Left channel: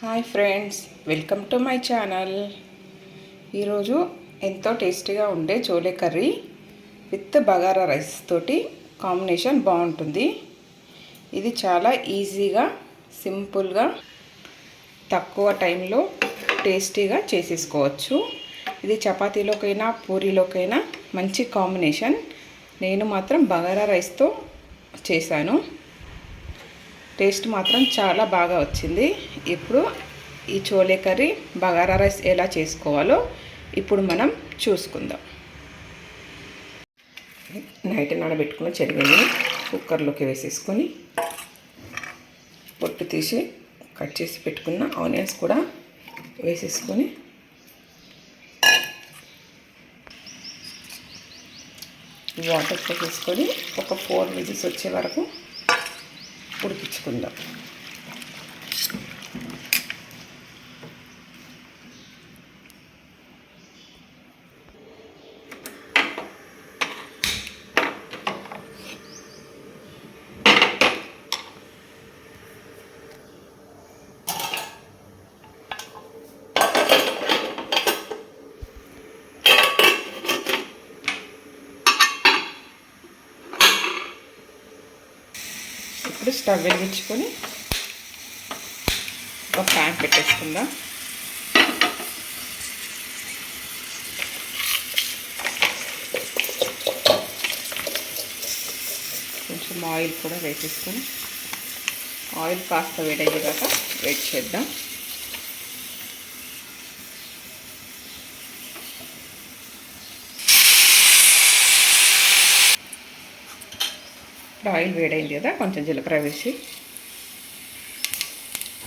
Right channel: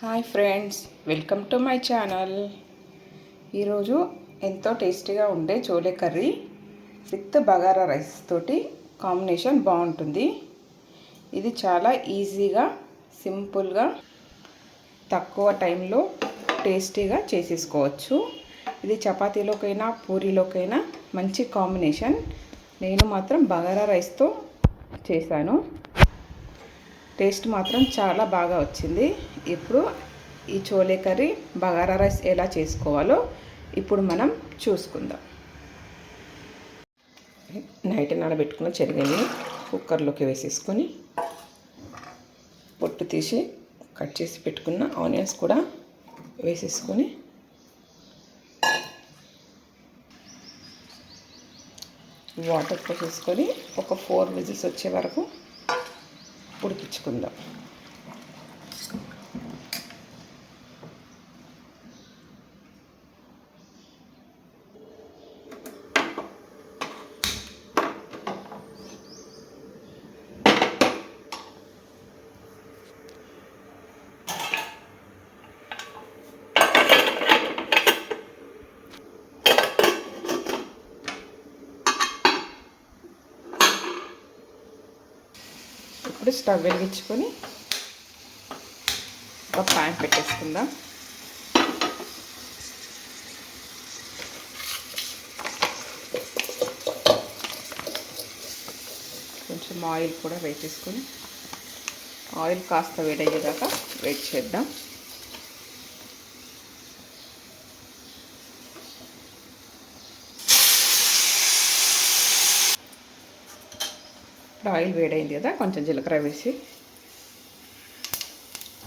Hi friends, welcome to my channel. ఈరోజు ఎంతో టేస్టీగా ఉండే chole curry with bagara rice తోటి కాంబినేషన్ బాగుంటుంది. ఇది చాలా ఈజీగా, సింపుల్గా, తక్కువ టైంలో టేస్టీగా చేసేసుకోవచ్చు. ఇది చపాతీలోకైనా పూరీలోకైనా మంచి కాంబినేషన్. నేను మాత్రం బగారా రైస్తో చేశాను. టేస్ట్ మాత్రం చాలా బాగా వచ్చింది. ఇప్పుడు ఈ చోలే కర్రీ బగారా రైస్ ఎలా చేసుకోవాలో ఇప్పుడు మనం చూసుకుందాం. నైట్ నానబెట్టుకున్న శనగని కుక్కర్లోకి వేసేసుకొని పొట్టు తీసి కట్ చేసి పెట్టుకున్న ఆనియన్స్ కూడా వేసేసుకొని వాటర్ పోసేసుకొని ఒక 4 విజిల్స్ వచ్చే వరకు ఉడికించుకుందాం. ఇప్పుడు స్టవ్ వెలిగించుకొని ఒక ప్యాన్ పెట్టేసుకుందాం. కొంచెం ఆయిల్ కూడా వేసేసుకొని ఆయిల్ కాస్త వేడయ్యేదాకా వెయిట్ చేద్దాం. ఆయిల్ వేడైంది కదా, కొంచెం జీలకర్ర వేసి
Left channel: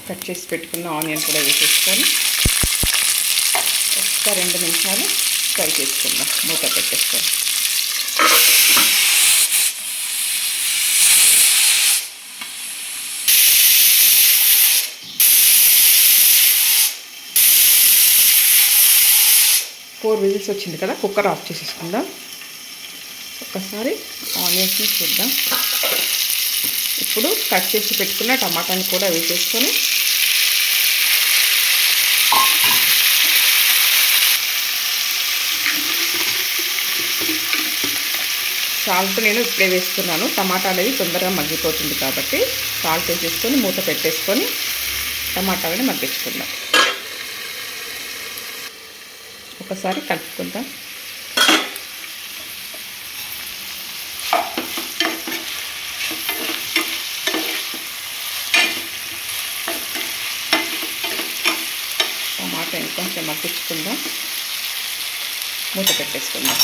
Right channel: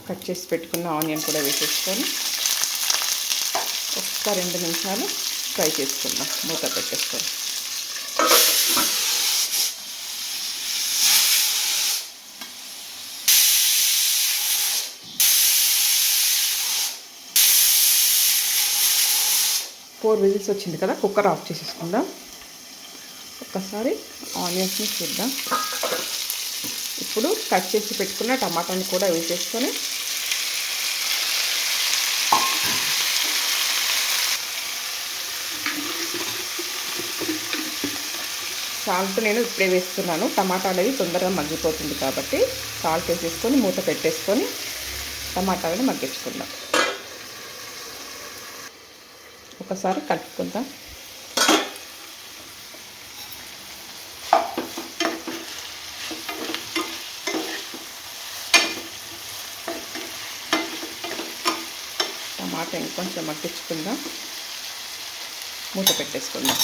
కట్ చేసి పెట్టుకున్న ఆనియన్ కూడా వేసేసుకొని ఒక 2 నిమిషాలు ఫ్రై చేసుకుందాం. మూత పెట్టేసుకొని ఫోర్ విజిల్స్ వచ్చింది కదా, కుక్కర్ ఆఫ్ చేసేసుకుందాం. ఒక్కసారి ఆనియన్స్ని చూద్దాం. ఇప్పుడు కట్ చేసి పెట్టుకున్న టమాటాని కూడా వేసేసుకొని సాల్ట్ నేను ఇప్పుడే వేస్తున్నాను. టమాటా అనేది తొందరగా మగ్గిపోతుంది కాబట్టి సాల్ట్ వేసేసుకొని మూత పెట్టేసుకొని టమాటాలని మగ్గించుకుందాం. ఒకసారి కలుపుకుందాం. టమాటా ఇంకొంచెం మగ్గించుకుందాం. మూత పెట్టేసుకుందాం.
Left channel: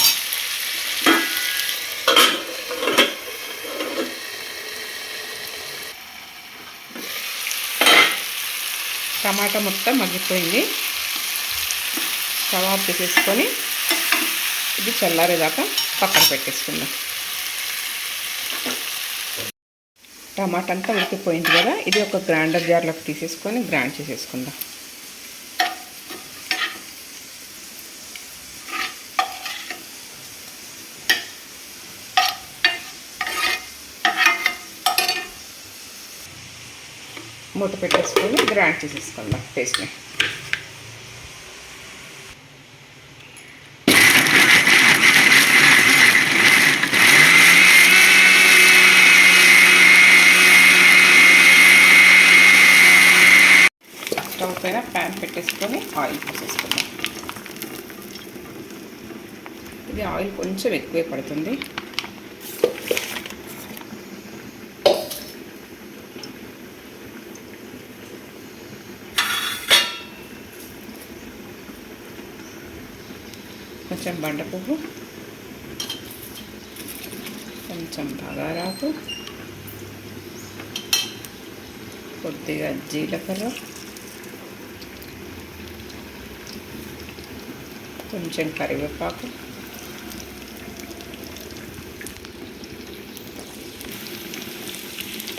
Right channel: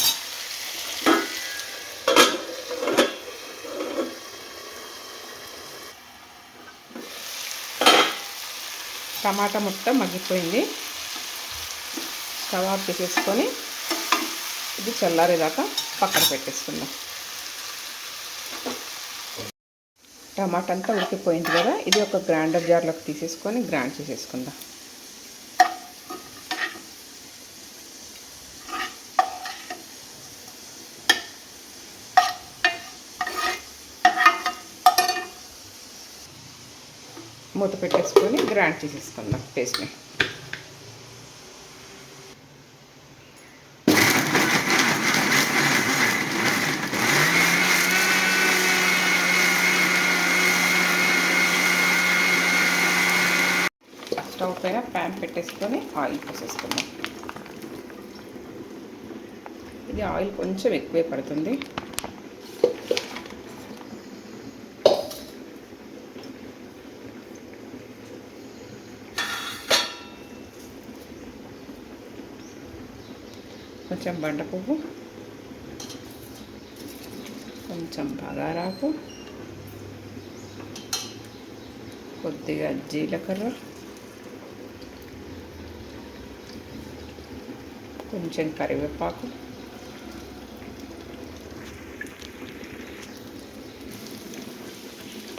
టమాటా మొత్తం మగ్గిపోయింది. స్టవ్ ఆఫ్ చేసేసుకొని ఇది చల్లారేదాకా పక్కన పెట్టేసుకుందాం. టమాటా అంతా ఉడికిపోయింది కదా, ఇది ఒక గ్రైండర్ జార్లోకి తీసేసుకొని గ్రైండ్ చేసేసుకుందాం. మూత పెట్టేసుకొని గ్రైండ్ చేసేసుకుందాం పేస్ట్ని. స్టవ్ పైన ప్యాన్ పెట్టేసుకొని ఆయిల్ పోసేసుకుందాం. ఇది ఆయిల్ కొంచెం ఎక్కువే పడుతుంది. కొంచెం బండ పువ్వు, కొంచెం బగారాకు, కొద్దిగా జీలకర్ర, కొంచెం కరివేపాకు,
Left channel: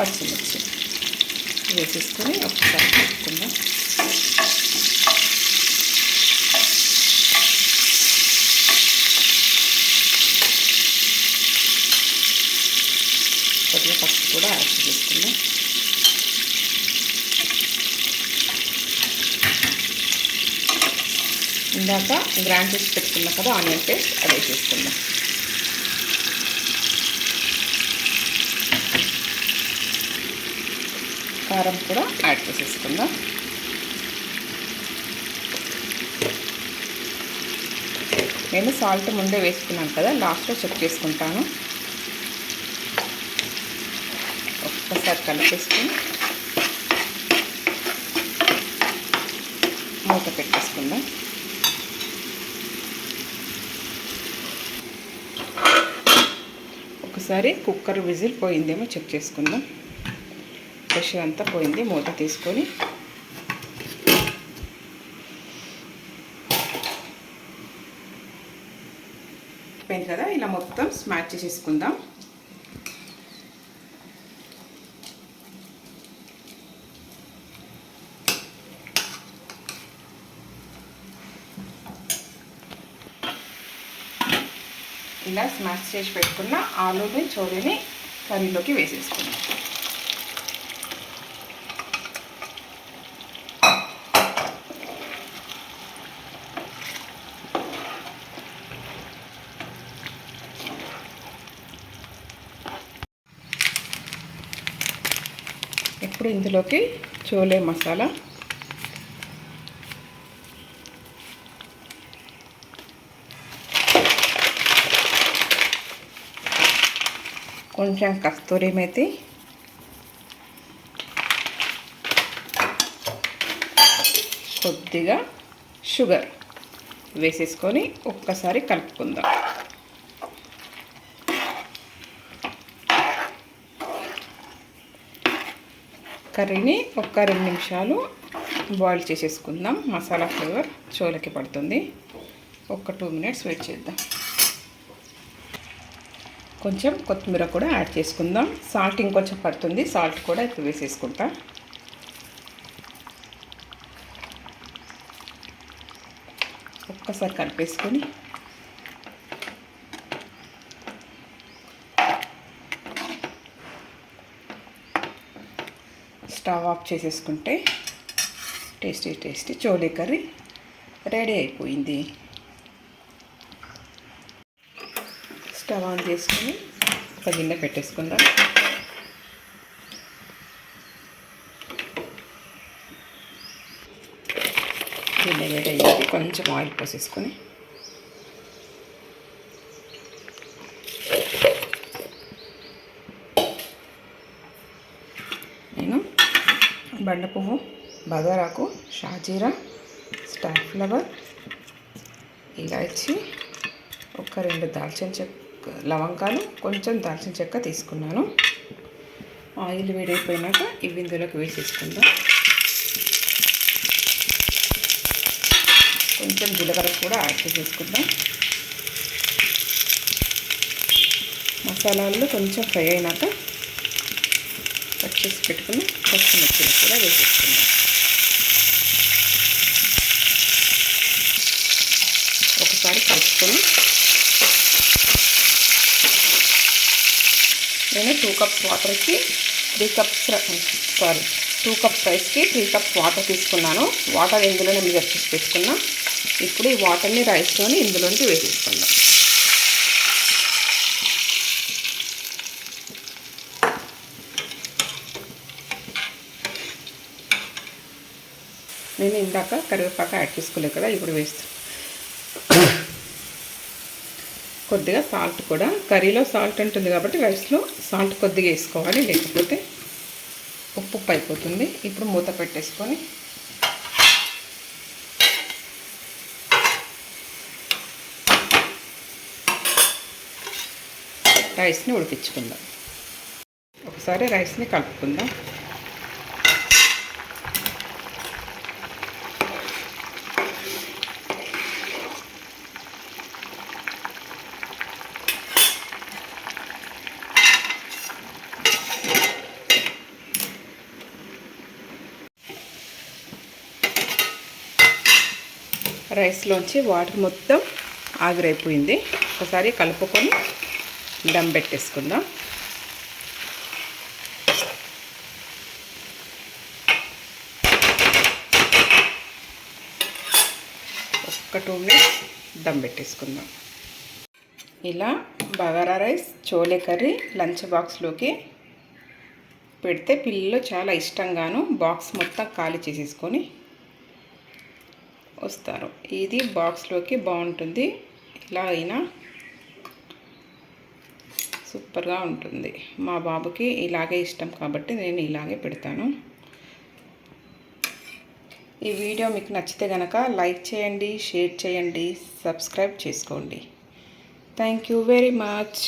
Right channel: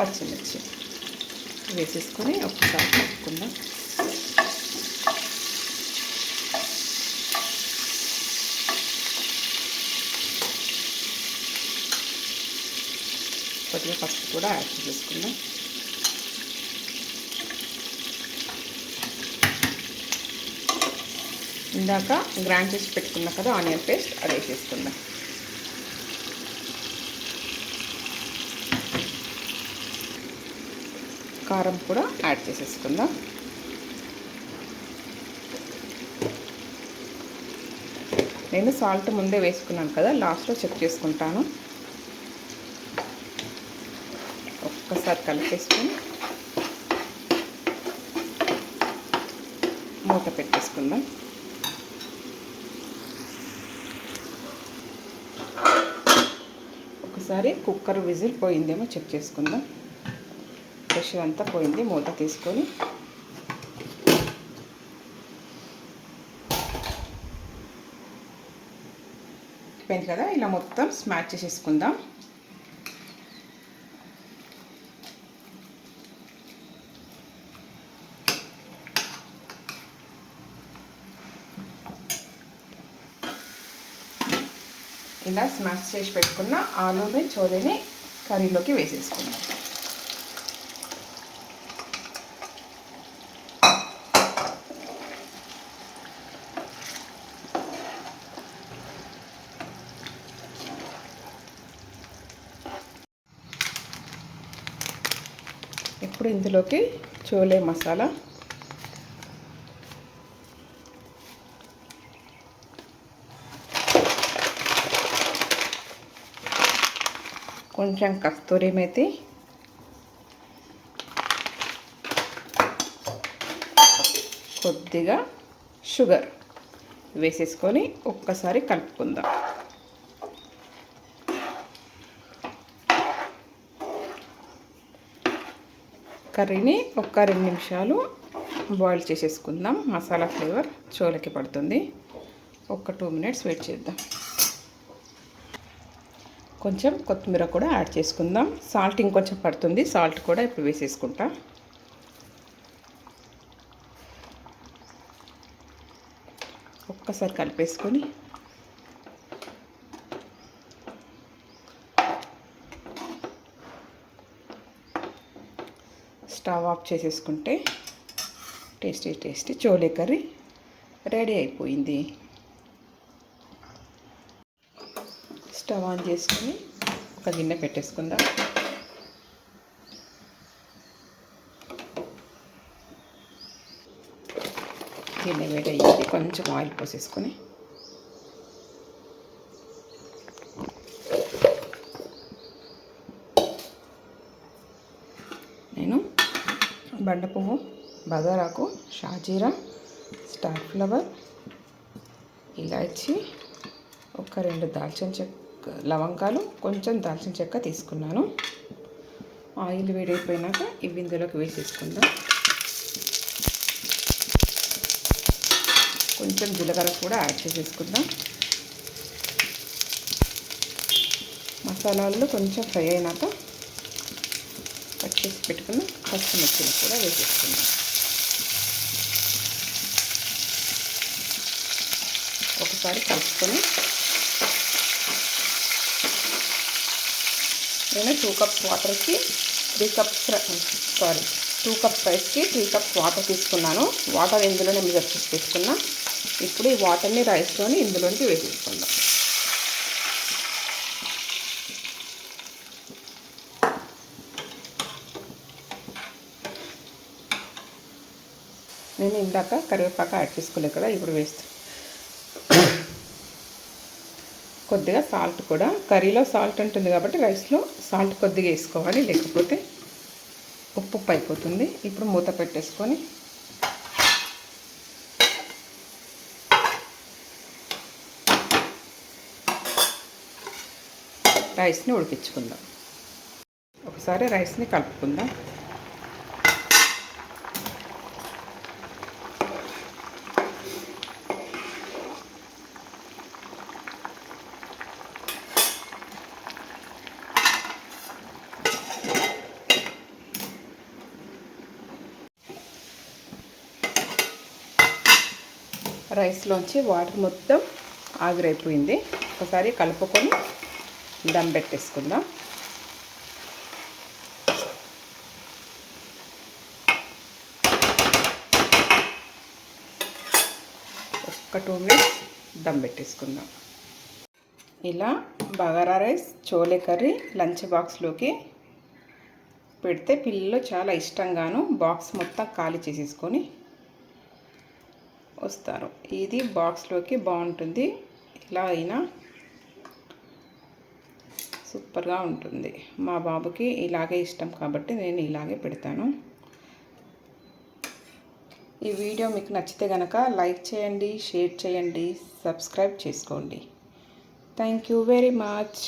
పచ్చిమిర్చి వేసేసుకొని ఒకసారి కలుపుకుందాం. కొద్దిగా పసుపు కూడా యాడ్ చేసుకుందాం. ఇందాక గ్రైండ్ చేసి పెట్టుకున్నా కదా ఆనియన్ పేస్ట్, అది వేసేసుకుందాం. కారం కూడా యాడ్ చేసేసుకుందాం. నేను సాల్ట్ ముందే వేసుకున్నాను కదా, లాస్ట్లో చెక్ చేసుకుంటాను. ఒక్కసారి కలిపేసుకొని మూత పెట్టేసుకుందాం. ఒకసారి కుక్కర్ విజిల్ పోయిందేమో చెక్ చేసుకుందాం. ప్రెషర్ అంతా పోయింది. మూత తీసుకొని పోయింది కదా, ఇలా మొత్తం స్మాష్ చేసేసుకుందాం. ఇలా స్మాష్ చేసి పెట్టుకున్న ఆలూని చోలేని కర్రీలోకి వేసేసుకుందాం. ఇప్పుడు ఇందులోకి చోలే మసాలా, కొంచెం కస్తూరి మేతి, కొద్దిగా షుగర్ వేసేసుకొని ఒక్కసారి కలుపుకుందాం. కర్రీని ఒక 2 నిమిషాలు బాయిల్ చేసేసుకుందాం. మసాలా ఫ్లేవర్ చోలకి పడుతుంది. ఒక 2 మినిట్స్ వెయిట్ చేద్దాం. కొంచెం కొత్తిమీర కూడా యాడ్ చేసుకుందాం. సాల్ట్ ఇంకొంచెం పడుతుంది, సాల్ట్ కూడా ఇప్పుడు వేసేసుకుంటా. ఒక్కసారి కలిపేసుకొని స్టవ్ ఆఫ్ చేసేసుకుంటే tasty tasty chole curry ready అయిపోయింది. స్టవ్ ఆన్ చేసుకొని ఒక గిన్నె పెట్టేసుకుందాం. గిన్నె వేడయ్యేది, కొంచెం ఆయిల్ పోసేసుకొని నేను బండ పువ్వు, బగారాకు, షాజీరా, స్టార్ ఫ్లవర్, ఇలాచి, ఒక 2 దాల్చిన చెక్క లవంగాలు, కొంచెం దాల్చిన చెక్క తీసుకున్నాను. ఆయిల్ వేడైపోయినాక ఇవి ఇందులోకి వేసేసుకుందాం. కొంచెం జీలకర్ర కూడా యాడ్ చేసేసుకుందాం. మసాలాలు కొంచెం ఫ్రై అయినాక కట్ చేసి పెట్టుకుని పచ్చిమిర్చిని కూడా వేసేసుకుందాం. ఒకసారి కలుపుకొని నేను 2 కప్స్ వాటర్కి 2 కప్స్ రైస్కి 3 కప్స్ వాటర్ తీసుకున్నాను. వాటర్ ఇందులోనే మెజర్ చేసి పెట్టుకున్నా. ఇప్పుడు ఈ వాటర్ని రైస్లోని ఇందులోంచి వేసేసుకుందాం. నేను ఇందాక కరివేపాకు యాడ్ చేసుకోలేదు కదా, ఇప్పుడు వేస్తాను. కొద్దిగా సాల్ట్ కూడా, కర్రీలో సాల్ట్ ఉంటుంది కాబట్టి రైస్లో సాల్ట్ కొద్దిగా వేసుకోవాలి, లేకపోతే ఉప్పు అయిపోతుంది. ఇప్పుడు మూత పెట్టేసుకొని రైస్ని ఉడికించుకుందాం. ఒకసారి రైస్ని కలుపుకుందాం. రైస్లోంచి వాటర్ మొత్తం ఆవిరైపోయింది. ఒకసారి కలుపుకొని దమ్ పెట్టేసుకుందాం. ఒక్క ఒక 2 మినిట్స్ దమ్ పెట్టేసుకుందాం. ఇలా bagara rice, chole curry lunch బాక్స్లోకి పెడితే పిల్లలు చాలా ఇష్టంగాను బాక్స్ మొత్తం ఖాళీ చేసేసుకొని వస్తారు. ఇది బాక్స్లోకి బాగుంటుంది. ఇలా అయినా సూపర్గా ఉంటుంది. మా బాబుకి ఇలాగే ఇష్టం కాబట్టి నేను ఇలాగే పెడతాను. ఈ వీడియో మీకు నచ్చితే కనుక లైక్ చేయండి, షేర్ చేయండి, సబ్స్క్రైబ్ చేసుకోండి. Thank you very much.